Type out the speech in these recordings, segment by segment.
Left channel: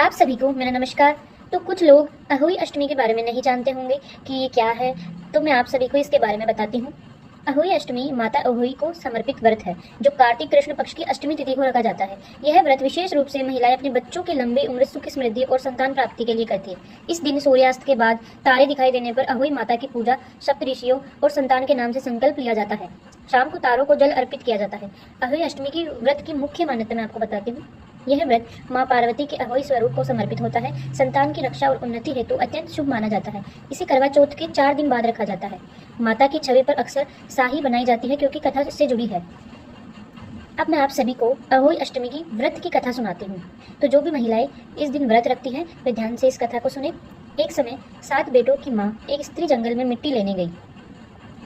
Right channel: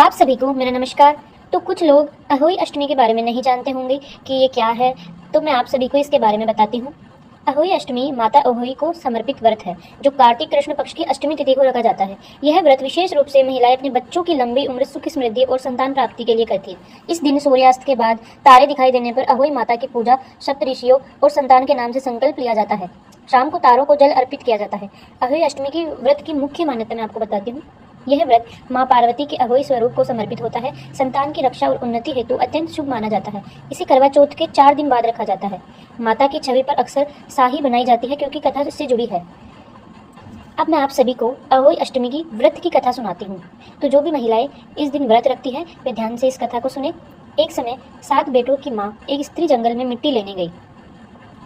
आप सभी को मेरा नमस्कार। तो कुछ लोग अहोई अष्टमी के बारे में नहीं जानते होंगे कि ये क्या है, तो मैं आप सभी को इसके बारे में बताती हूँ। अहोई अष्टमी माता अहोई को समर्पित व्रत है जो कार्तिक कृष्ण पक्ष की अष्टमी तिथि को रखा जाता है। यह व्रत विशेष रूप से महिलाएं अपने बच्चों की लंबी उम्र, सुख समृद्धि और संतान प्राप्ति के लिए करती है। इस दिन सूर्यास्त के बाद तारे दिखाई देने पर अहोई माता की पूजा, सप्तऋषियों और संतान के नाम से संकल्प लिया जाता है। शाम को तारों को जल अर्पित किया जाता है। अहोई अष्टमी के व्रत की मुख्य मान्यता मैं आपको बताती हूँ। यह व्रत मां पार्वती के अहोई स्वरूप को समर्पित होता है। संतान की रक्षा और उन्नति हेतु अत्यंत शुभ माना जाता है। इसे करवा चौथ के 4 दिन बाद रखा जाता है। माता की छवि पर अक्सर साही बनाई जाती है क्योंकि कथा इससे जुड़ी है। अब मैं आप सभी को अहोई अष्टमी की व्रत की कथा सुनाती हूँ। तो जो भी महिलाएं इस दिन व्रत रखती है वे ध्यान से इस कथा को सुने। एक समय 7 बेटों की माँ एक स्त्री जंगल में मिट्टी लेने गई।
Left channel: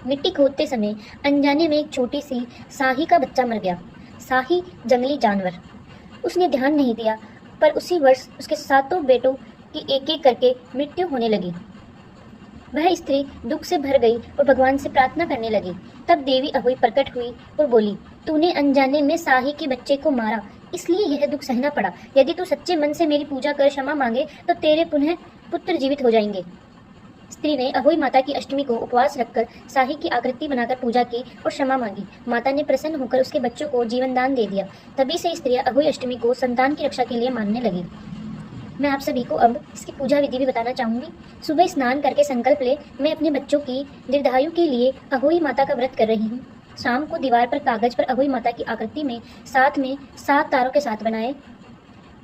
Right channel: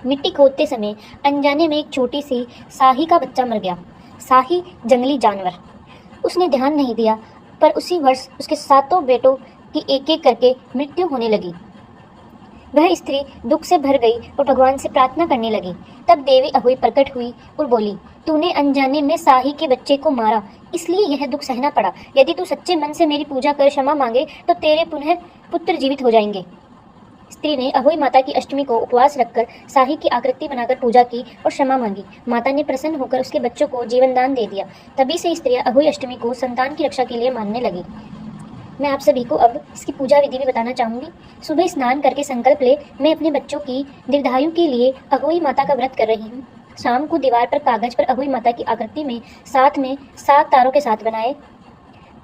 मिट्टी खोदते समय अनजाने में एक छोटी सी साही का बच्चा मर गया। साही जंगली जानवर, उसने ध्यान नहीं दिया, पर उसी वर्ष उसके 7 बेटों की एक एक करके मृत्यु होने लगी। वह स्त्री दुख से भर गई और भगवान से प्रार्थना करने लगी। तब देवी अहोई प्रकट हुई और बोली, तूने अनजाने में साही के बच्चे को मारा, इसलिए यह दुख सहना पड़ा। यदि तू सच्चे मन से मेरी पूजा कर क्षमा मांगे तो तेरे पुनः पुत्र जीवित हो जाएंगे। स्त्री ने अहोई माता की अष्टमी को उपवास रखकर साही की आकृति बनाकर पूजा की और क्षमा मांगी। माता ने प्रसन्न होकर उसके बच्चों को जीवन दान दे दिया। तभी से स्त्रियां अहोई अष्टमी को संतान की रक्षा के लिए मानने लगी। मैं आप सभी को अब इसकी पूजा विधि भी बताना चाहूंगी। सुबह स्नान करके संकल्प ले, मैं अपने बच्चों की दीर्घायु के लिए अहोई माता का व्रत कर रही हूँ। शाम को दीवार पर कागज पर अहोई माता की आकृति में 7 तारों के साथ बनाए।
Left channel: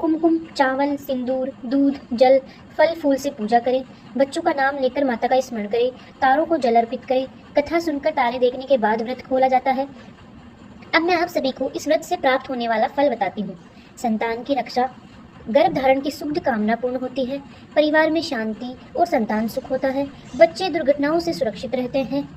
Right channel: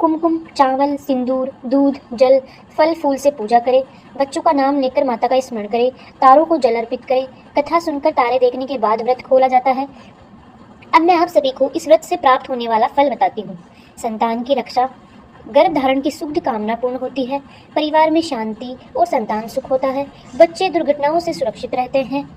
कुमकुम, चावल, सिंदूर, दूध, जल, फल फूल से पूजा करें। बच्चों का नाम लेकर माता का स्मरण करें। तारों को जल अर्पित करें। कथा सुनकर तारे देखने के बाद व्रत खोला जाता है। अब मैं आप सभी को इस व्रत से प्राप्त होने वाला फल बताती हूँ। संतान की रक्षा, गर्भ धारण की शुभ कामना पूर्ण होती है। परिवार में शांति और संतान सुख होता है। बच्चे दुर्घटनाओं से सुरक्षित रहते हैं।